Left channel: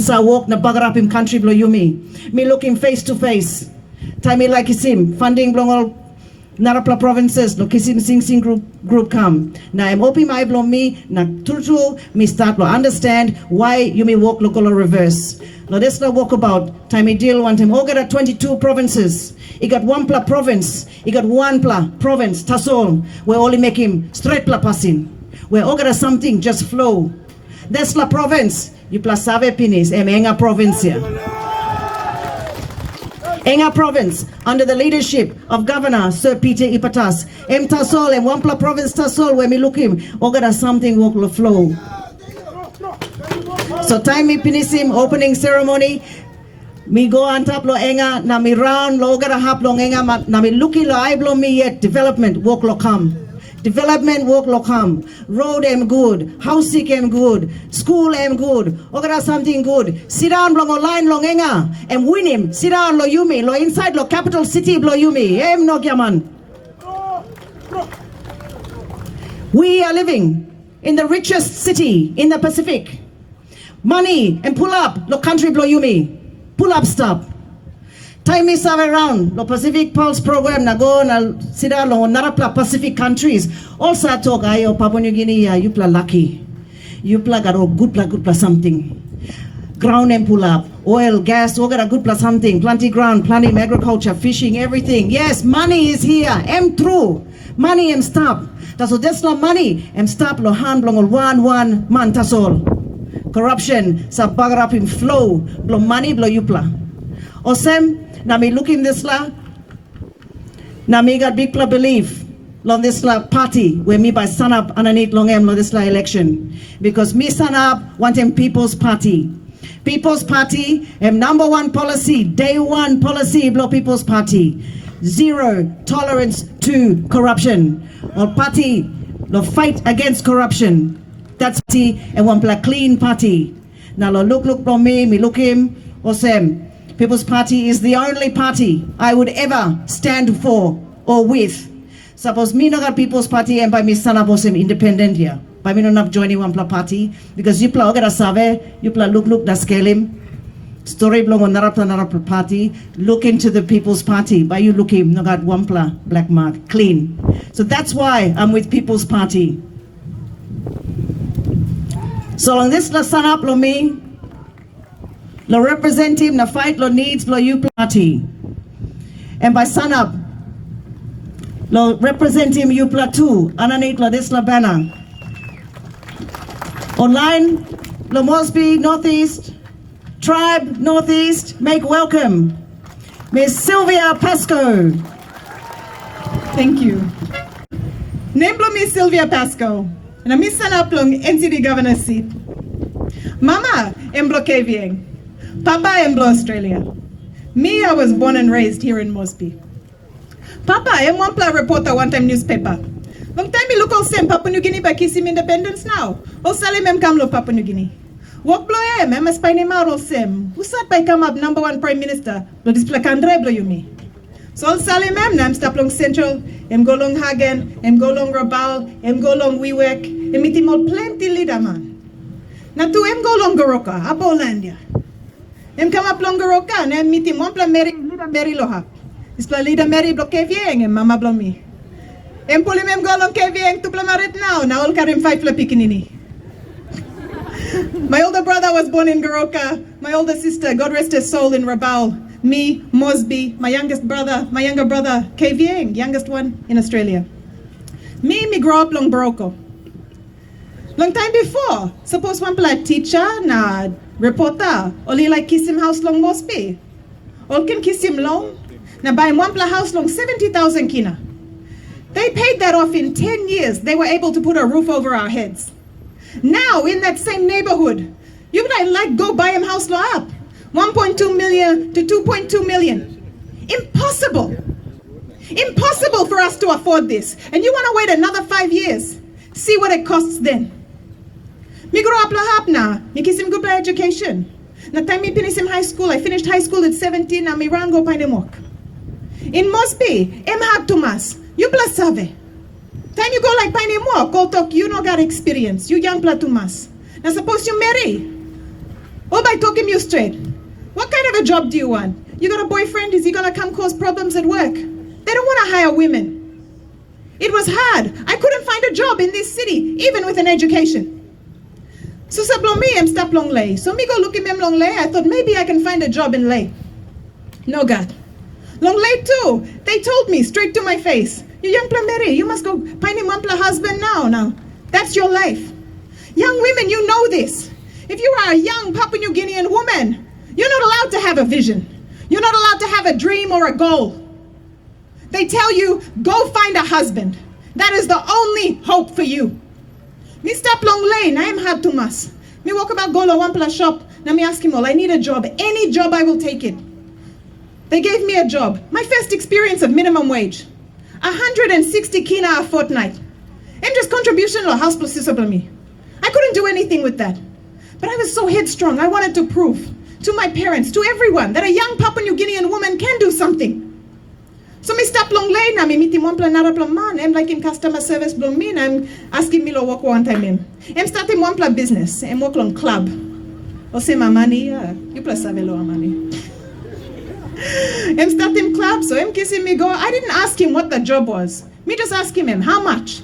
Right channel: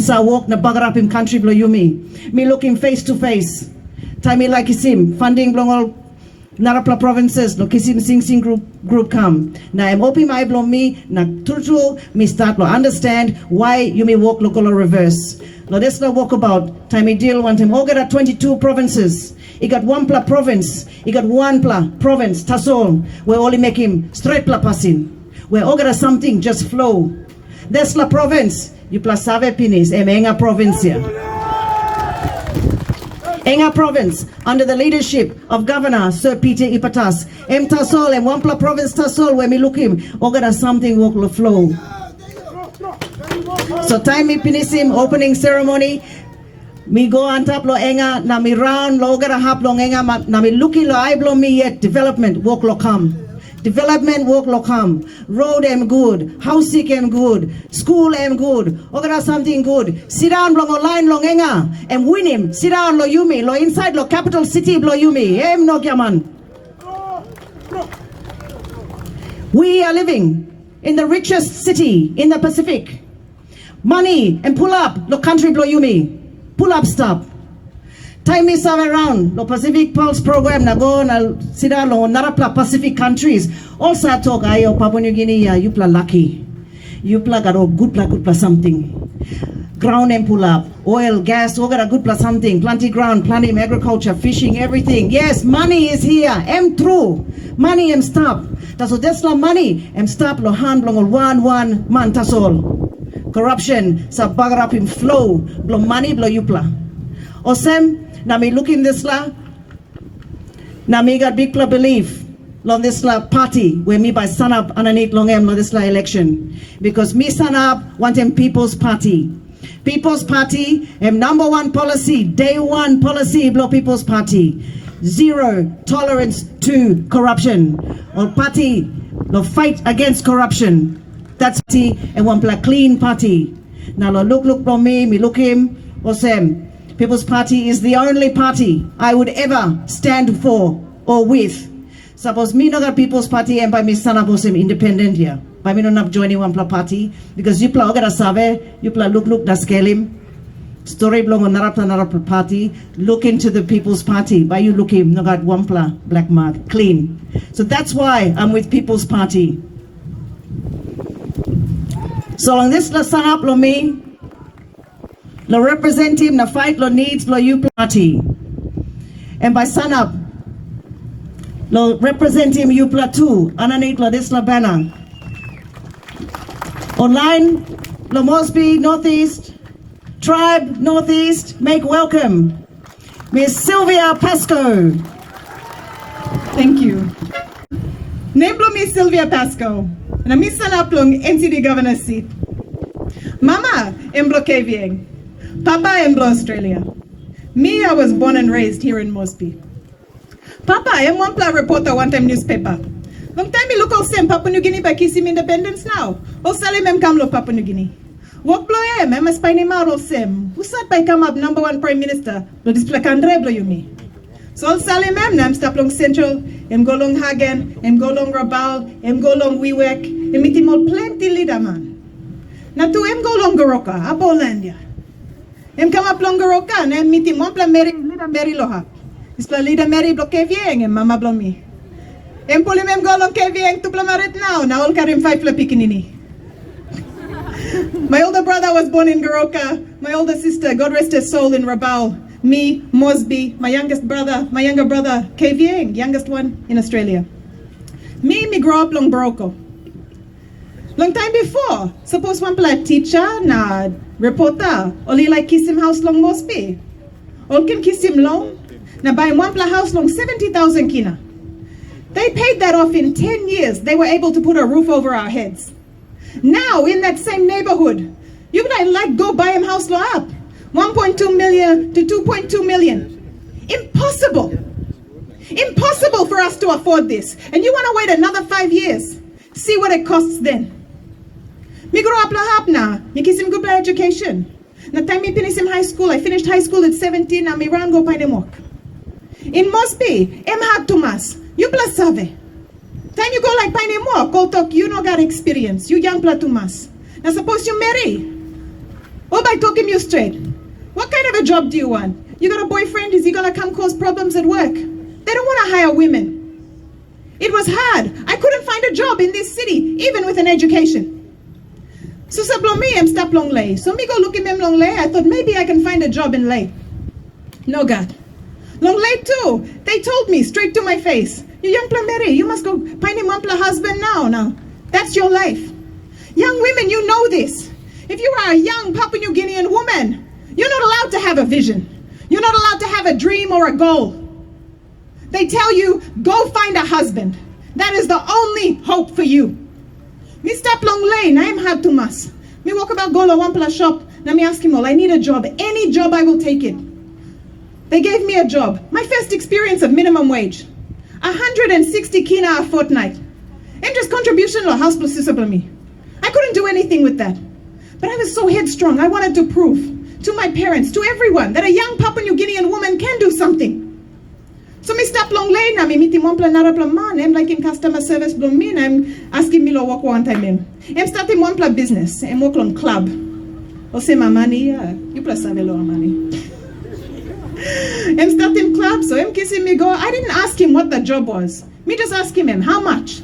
Sa walk na bagarap im country blo yumi. Me look him face to face. Time me like him funding blong all narapla provinces no kisim sing group come. Na I'm open my blow me na turtu me start to understand why you may walk local reverse. No this no walk about time me deal want him all get at 22 provinces. He got one pla province. He got one pla province Tasol. We only make him straight pla passing. We all get something just flow. This la province. You plus save pinis enga provincia. Enga province under the leadership of Governor Sir Peter Ipatas. Tasol and one province Tasol where me look him. Ogada something walk the flow. So time me pinisim opening ceremony. Me go on top lo enga na me round lo ogada hap lo enga na me looking lo I blow me yet development walk lo come. Development work lo come. Road am good. Housing am good. School am good. Ogara something good. Sit down long line long enga. And win him. Sit down lo yumi. Lo inside lo capital city lo yumi. Em no yaman. We are living in the richest city in the Pacific. Money and pull up lo country lo yumi. Pull up stop. Time me serve around the Pacific Pulse program na go na sida lo narapla Pacific countries. Also talk ayo Papua New Guinea you pla lucky. You pla got a good pla something. Ground and pull up. Oil, gas, all got a good pla something. Plenty ground, plenty agriculture, fishing, everything. Yes, money is here. Am true. Money am stop. That's what that's la money. Am stop lo hand long one man tasol. Corruption sa bagarap in flow. Blo money blo you pla. Osem na me look in this la, na me got big belief long this la party where me by stand up underneath long em long this la election because me stand up wanting People's Party. People's Party am number one policy, day one policy blow People's Party. Zero tolerance to corruption. Or party no fight against corruption. That's party and one black clean party. Now look from me look him Osem. People's Party is the only party I would ever stand for or with. Suppose me not got People's Party and by me stand up also independent here. By me not joining one party because you pla ogara save, you pla look da scale him. Story blog on narapla party. Look into the People's Party. By you look him, no got one pla black mark clean. So that's why I'm with People's Party. So on this la stand up lo me. Lo represent him, na fight lo needs lo you party. And by sun up, lo represent him you too. Underneath lo this la banner. Online, lo Moresby Northeast, Tribe Northeast, make welcome. Miss Silvia Pasco. Thank you. Name Miss Silvia Pasco. And I'm Miss Sanaplong NCD Governor seat. Mama, Emblo KVN. Papa Emblo Australia. Me, I was born and raised here in Moresby. Papa, I'm one pla reporter one time newspaper. Long time me look all same Papua New Guinea by kissim independence now. All salim em come lo Papua New Guinea. Walk blow em a spiny mal all same. Who sat by come up number one prime minister? Lo display kandre blow you me. So all salim em na em stop long Central, em go long Hagen, em go long Rabal, em go long Wewek, em meet him all plenty leader man. Na to em go long Goroka, Abolandia. Em come up long Goroka and em meet him one pla Mary leader Mary Loha. Is pla leader Mary block kevieng em mama blow me. Em pulim em go long kevieng to plamaret now all karim 5 pla pikinini. My older brother was born in Goroka. My older sister, God rest her soul, in Rabal. Me, Moresby, my younger brother, KVN, youngest one in Australia. Me grow up long Boroko. Long time before, suppose one play teacher, na reporter, only like kiss him house long Moresby. All can kiss him long, na buy one play house long 70,000 kina. They paid that off in 10 years. They were able to put a roof over our heads. Now, in that same neighborhood, you can like go buy him house law up. 1.2 million to 2.2 million. Impossible. Impossible for us to afford this. And you want to wait another 5 years. See what it costs then. Me grow up lahap na. Me kiss him good education. Na time me finish him high school. I finished high school at 17 and me ran go pay walk. In Moresby, em had Tomas. You plus save. Time you go like Piney Walk, go talk, you no got experience. You young platumas. Now suppose you marry. All by talking you straight. What kind of a job do you want? You got a boyfriend? Is he gonna come cause problems at work? They don't want to hire women. It was hard. I couldn't find a job in this city, even with an education. So me, I'm stop long lay. So me go look at me long lay. I thought maybe I can find a job in lay. No God. Long lay too. They told me straight to my face, you young Mary, you must go find a mumpla husband now. That's your life. Young women, you know this. If you are a young Papua New Guinean woman, you're not allowed to have a vision. You're not allowed to have a dream or a goal. They tell you, go find a husband. That is the only hope for you. Me stop long lane, I am hard to mas. Me walk about go to Wampla shop. Now me ask him all, I need a job. Any job, I will take it. They gave me a job. My first experience of minimum wage. 160 kina a fortnight. And just contribution to house plus me. I couldn't do anything with that. But I was so headstrong. I wanted to prove to my parents, to everyone, that a young Papua New Guinean woman can do something. So me stop long lane na me meet him one plan man. I'm like in customer service blow me. I'm asking me to work one time. I'm starting one plan business. I'm work on club. Or say my money, yeah. You plus have a lot of money. I'm starting club, so I'm kissing me go. I didn't ask him what the job was. Me just asking him how much.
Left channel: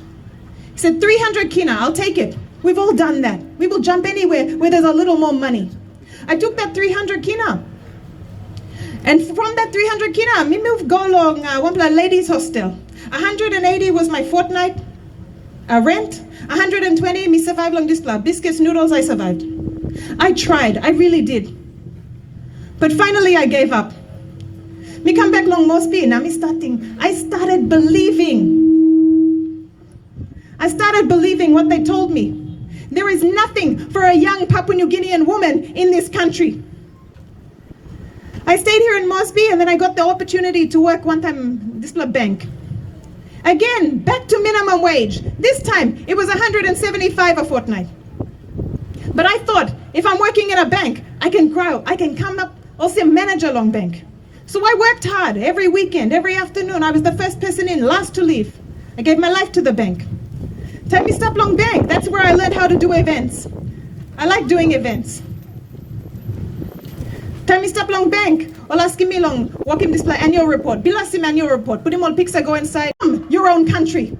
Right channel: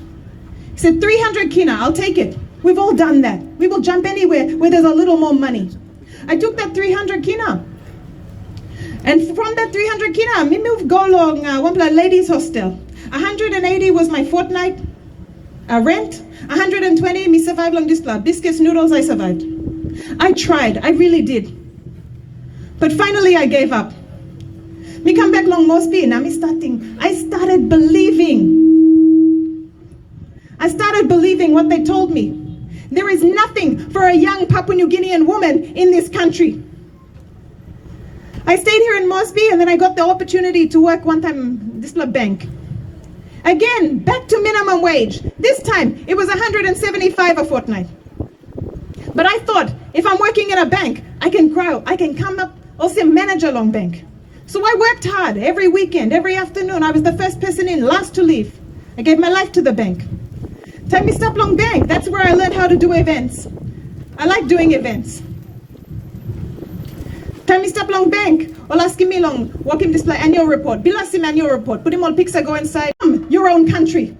He said 300 kina. I'll take it. We've all done that. We will jump anywhere where there's a little more money. I took that 300 kina. And from that 300 kina, me move go along one ladies hostel. 180 was my fortnight rent. 120, me survive long this plan. Biscuits, noodles, I survived. I tried, I really did. But finally I gave up. Me come back long Moresby, now I started believing. I started believing what they told me. There is nothing for a young Papua New Guinean woman in this country. I stayed here in Moresby and then I got the opportunity to work one time this bank. Again, back to minimum wage. This time it was 175 a fortnight. But I thought if I'm working in a bank, I can grow, I can come up, also manager long bank. So I worked hard every weekend, every afternoon. I was the first person in, last to leave. I gave my life to the bank. Tell me stop long bank. That's where I learned how to do events. I like doing events. Tell me stop long bank. Or asking me long, walking display annual report. Bilasim annual report. Put him all picture go inside. Your own country.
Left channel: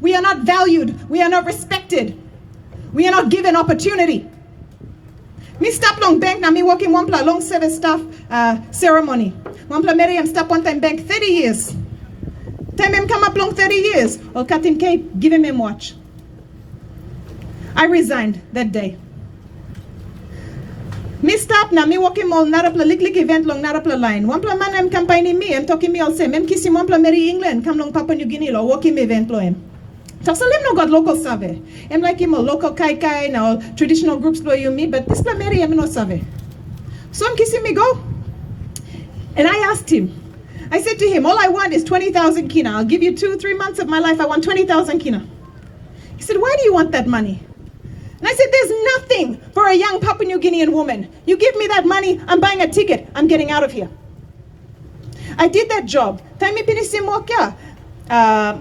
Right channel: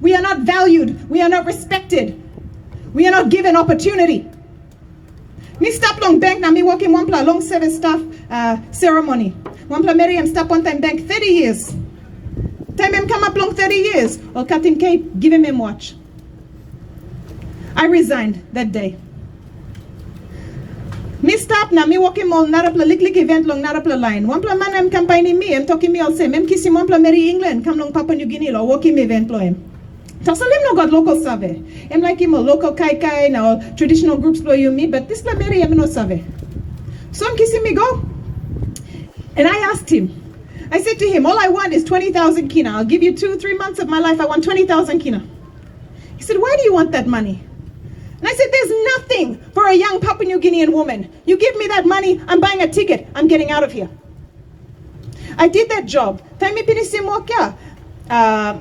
We are not valued. We are not respected. We are not given opportunity. Me stop long bank now me working one pla long service staff ceremony. One pla Mary stop one time bank 30 years. Time him come up long 30 years. Or cut him cape, give him watch. I resigned that day. Me stop now, me walking all narapla lik event long narapla line. One pla man I'm campaigning me, I'm talking me all same. I'm kissing one pla Mary England, come long Papua New Guinea lo walking me event lo him. So I'm not got local survey. I'm like him a local kai now traditional groups blow you me, but this pla Mary I'm not survey. So I'm kissing me go. And I asked him, I said to him, all I want is 20,000 kina. I'll give you 2-3 months of my life. I want 20,000 kina. He said, why do you want that money? And I said, there's nothing for a young Papua New Guinean woman. You give me that money, I'm buying a ticket, I'm getting out of here. I did that job. Time me pinisim wakya.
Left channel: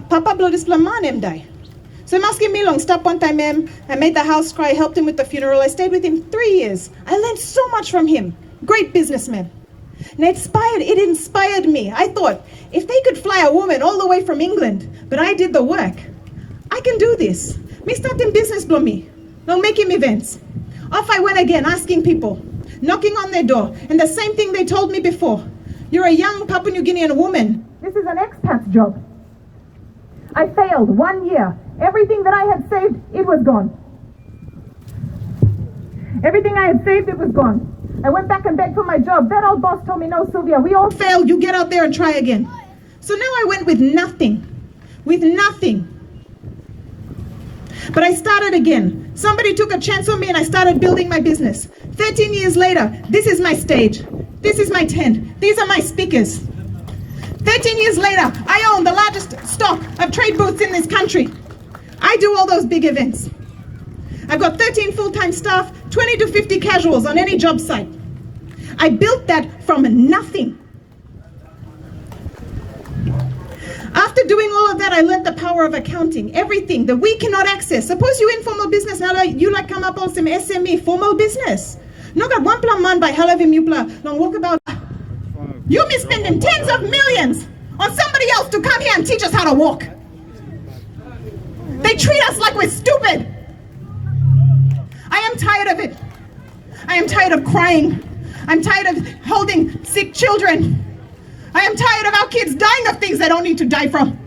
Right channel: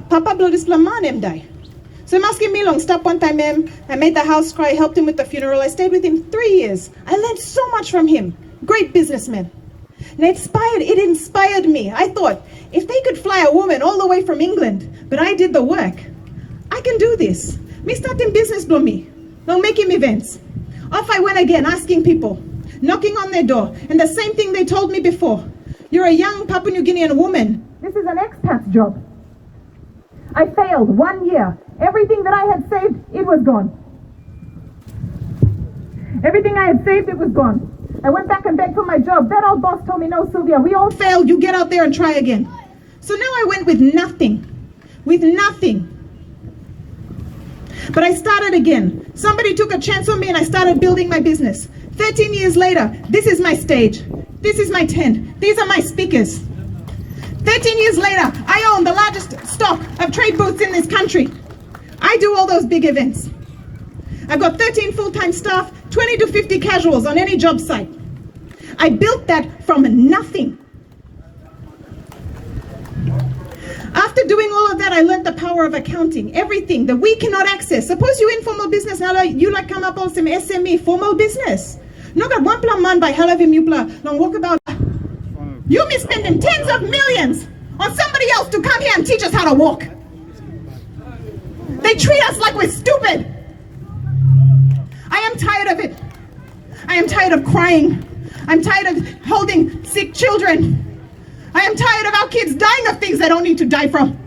Papa blow this man die. So I'm asking me long, stop one time I made the house cry, helped him with the funeral. I stayed with him 3 years. I learned so much from him. Great businessman. And it inspired me. I thought, if they could fly a woman all the way from England, but I did the work, I can do this. Me starting business blow me. Now making events. Off I went again, asking people, knocking on their door. And the same thing they told me before. You're a young Papua New Guinean woman. This is an expat job. I failed 1 year. Everything that I had saved, it was gone. Everything I had saved, it was gone. I went back and begged for my job. That old boss told me, no, Sylvia, we all failed. You get out there and try again. So now I went with nothing. With nothing. But I started again. Somebody took a chance on me and I started building my business. 13 years later, this is my stage. This is my tent. These are my speakers. 13 years later, I own the largest stock of trade booths in this country. I do all those big events. I've got 13 full-time staff, 20 to 50 casuals on any job site. I built that from nothing. After doing all of that, I learned the power of accounting, everything that we cannot access. Suppose you informal business, now you like come up on some SME, formal business. No got one plan man by hell of him you plan. Don't walk about. You be spending tens of millions on somebody else to come here and teach us how to walk. They treat us like we're stupid. I am tired of it. I am tired of crying. I'm tired of holding sick children. I am tired of our kids dying of things they don't need to die from.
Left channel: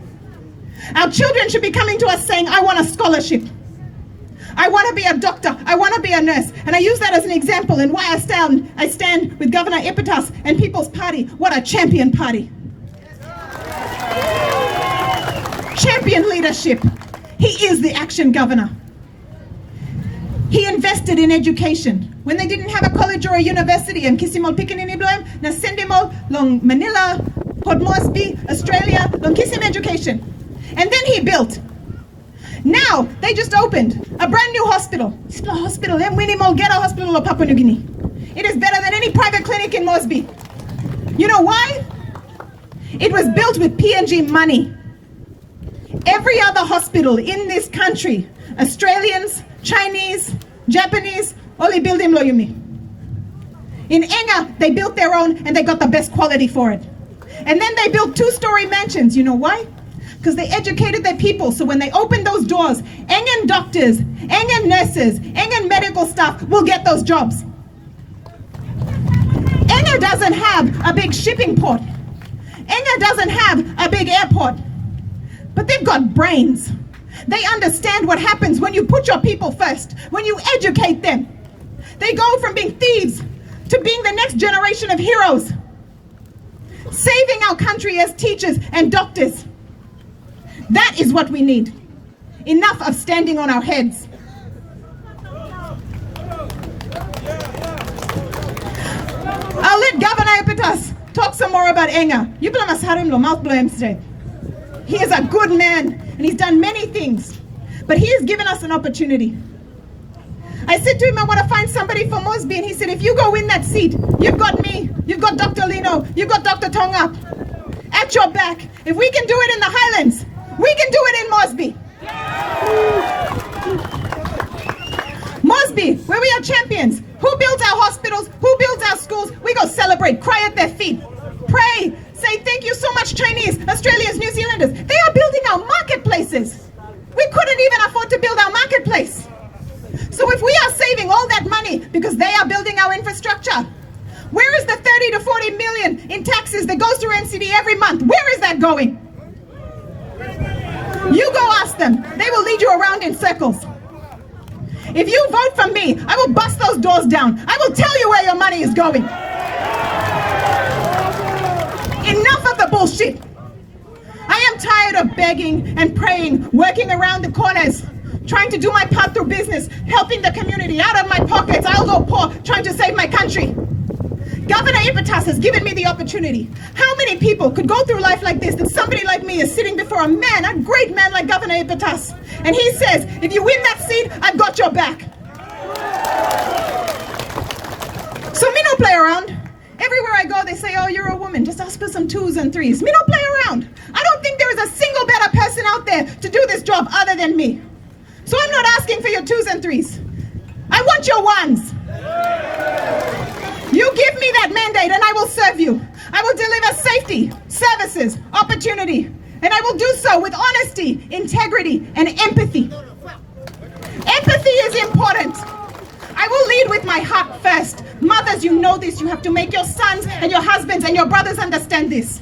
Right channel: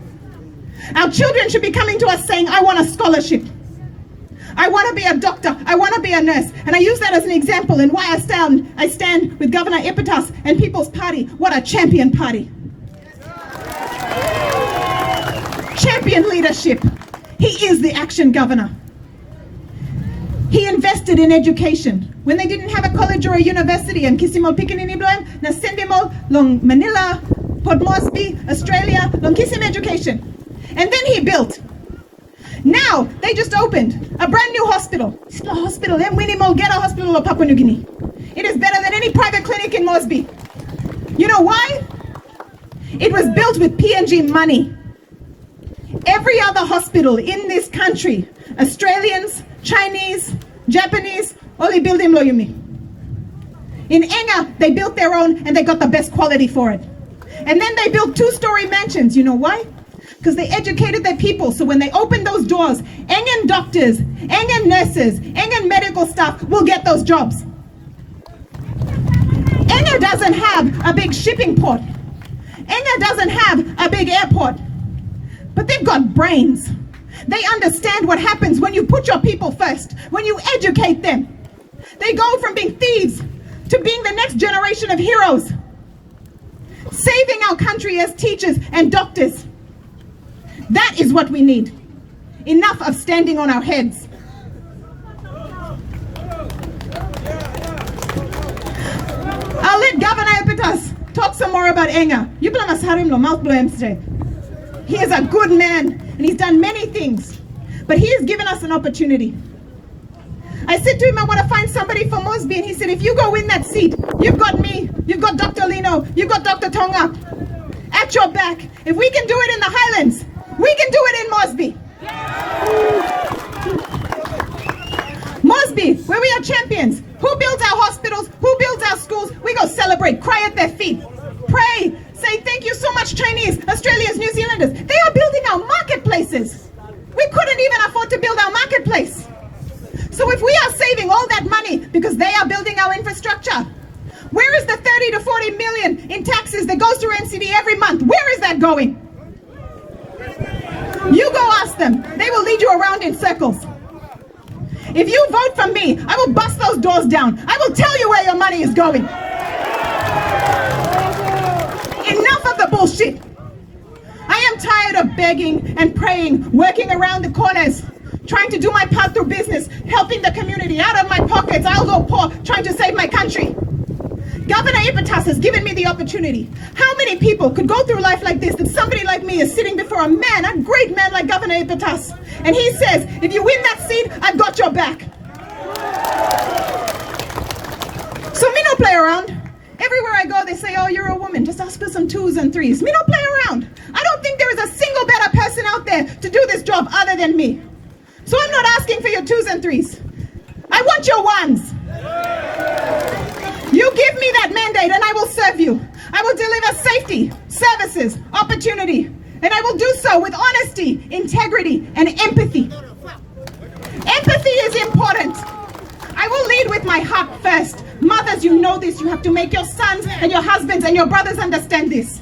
Our children should be coming to us saying, I want a scholarship. I want to be a doctor. I want to be a nurse. And I use that as an example in why I stand with Governor Epitas and People's Party. What a champion party. Champion leadership. He is the action governor. He invested in education. When they didn't have a college or a university, and Kisimo Pikinini Bloem, na sendimo long Manila, Port Moresby, Australia, long Kisim education. And then he built. Now, they just opened a brand new hospital. It's not a hospital, Get a hospital of Papua New Guinea. It is better than any private clinic in Moresby. You know why? It was built with PNG money. Every other hospital in this country, Australians, Chinese, Japanese, only build in Loyumi. In Enga, they built their own and they got the best quality for it. And then they built 2-story mansions. You know why? Because they educated their people, so when they open those doors, Engan doctors, Engan nurses, Engan medical staff will get those jobs. Enga doesn't have a big shipping port. Enga doesn't have a big airport. But they've got brains. They understand what happens when you put your people first, when you educate them. They go from being thieves to being the next generation of heroes, saving our country as teachers and doctors. That is what we need. Enough of standing on our heads. I'll let Governor Epitas talk some more about Enga. You blame us harim lo mouth blame today. He is a good man and he's done many things, but he has given us an opportunity. I said to him, I want to find somebody for Moresby, and he said, if you go win that seat, you've got me, you've got Dr. Lino, you've got Dr. Tonga at your back. If we can do it in the Highlands, we can do it in Moresby. Moresby, where we are champions. Who builds our hospitals? Who builds our schools? We go celebrate, cry at their feet, pray, say thank you so much, Chinese, Australians, New Zealanders. They are building our marketplaces. We couldn't even afford to build our marketplace. So if we are saving all that money because they are building our infrastructure, where is the 30 to 40 million in taxes that goes through NCD every month? Where is that going? You go ask them. They will lead you around in circles. If you vote for me, I will bust those doors down. I will tell you where your money is going. Enough of the bullshit. I am tired of begging and praying, working around the corners, trying to do my part through business, helping the community out of my pockets. I'll go poor, trying to save my country. Governor Epitas has given me the opportunity. How many people could go through life like this, that somebody like me is sitting before a man, a great man like Governor Epitas, and he says, if you win that seat, I've got your back. So me no play around. Everywhere I go, they say, oh, you're a woman. Just ask for some 2s and 3s. Me don't play around. I don't think there is a single better person out there to do this job other than me. So I'm not asking for your 2s and 3s. I want your 1s. You give me that mandate and I will serve you. I will deliver safety, services, opportunity, and I will do so with honesty, integrity, and empathy. Empathy is important. I will lead with my heart first. Mothers, you know this. You have to make your sons and your husbands and your brothers understand this.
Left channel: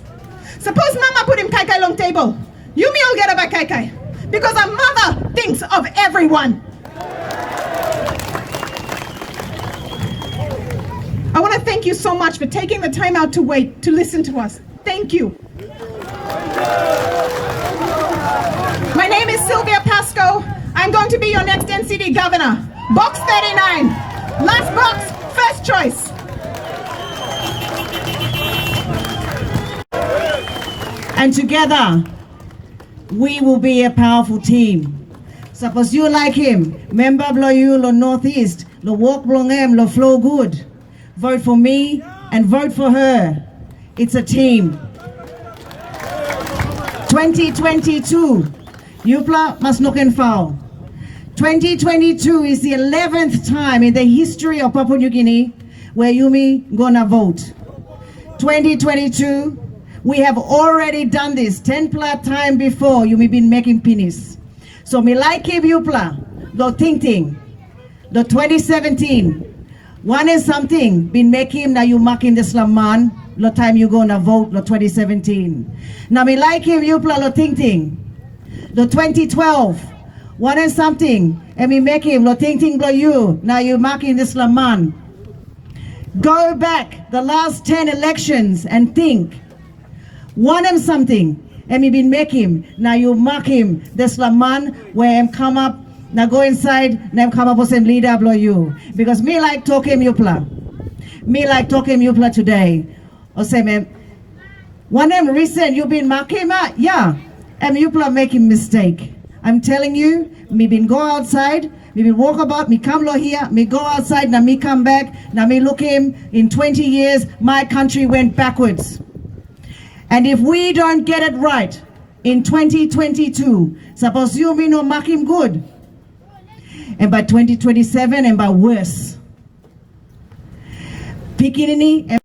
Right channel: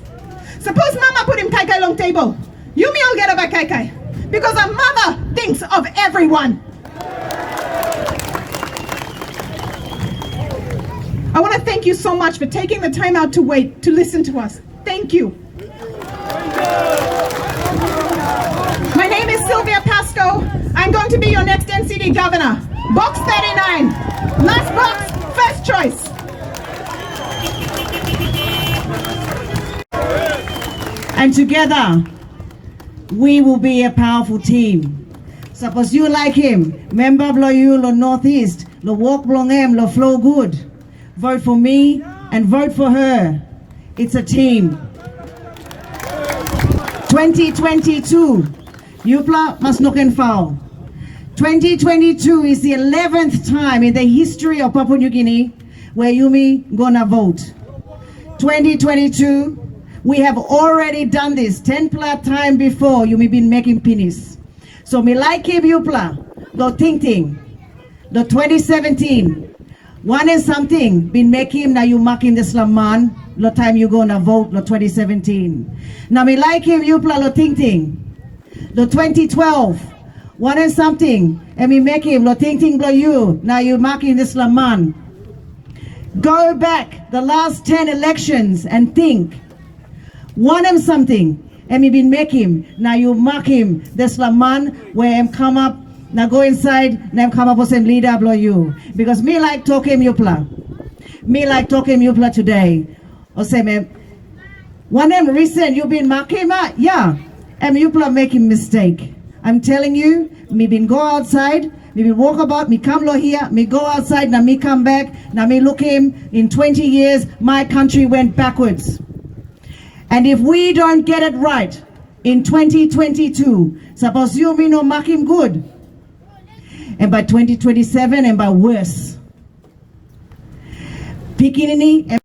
Suppose mama put him kaikai long table. You me all get about kaikai. Because a mother thinks of everyone. I want to thank you so much for taking the time out to wait, to listen to us. Thank you. My name is Silvia Pasco. I'm going to be your next NCD governor. Box 39. Last box, first choice. And together, we will be a powerful team. Suppose you like him, member blow you lo Northeast, lo walk blong em, lo flow good. Vote for me and vote for her. It's a team. 2022, Yupla must look and foul. 2022 is the 11th time in the history of Papua New Guinea where Yumi gonna vote. 2022, we have already done this 10 plus time before. Yumi been making penis. So me like him Yupla, lo ting. The 2017, one and something been making na you making the slaman. Lo time you gonna vote lo 2017. Now me like him Yupla lo ting. The 2012, one and something, and me make him lo ting blow you. Now you marking this laman. Go back the last 10 elections and think. One and something, and me been make him. Now you mark him this laman where him come up. Now go inside. Now come up with some leader blow you. Because me like talking Yupla. Me like talking Yupla today. Or say me, one them recent you been marking yeah. And Yupla making mistake. I'm telling you, me been go outside, me been walk about, me come here, me go outside, now me come back, now me look him, in 20 years, my country went backwards. And if we don't get it right in 2022, suppose you me no mark him good. And by 2027 and by worse. Pikinini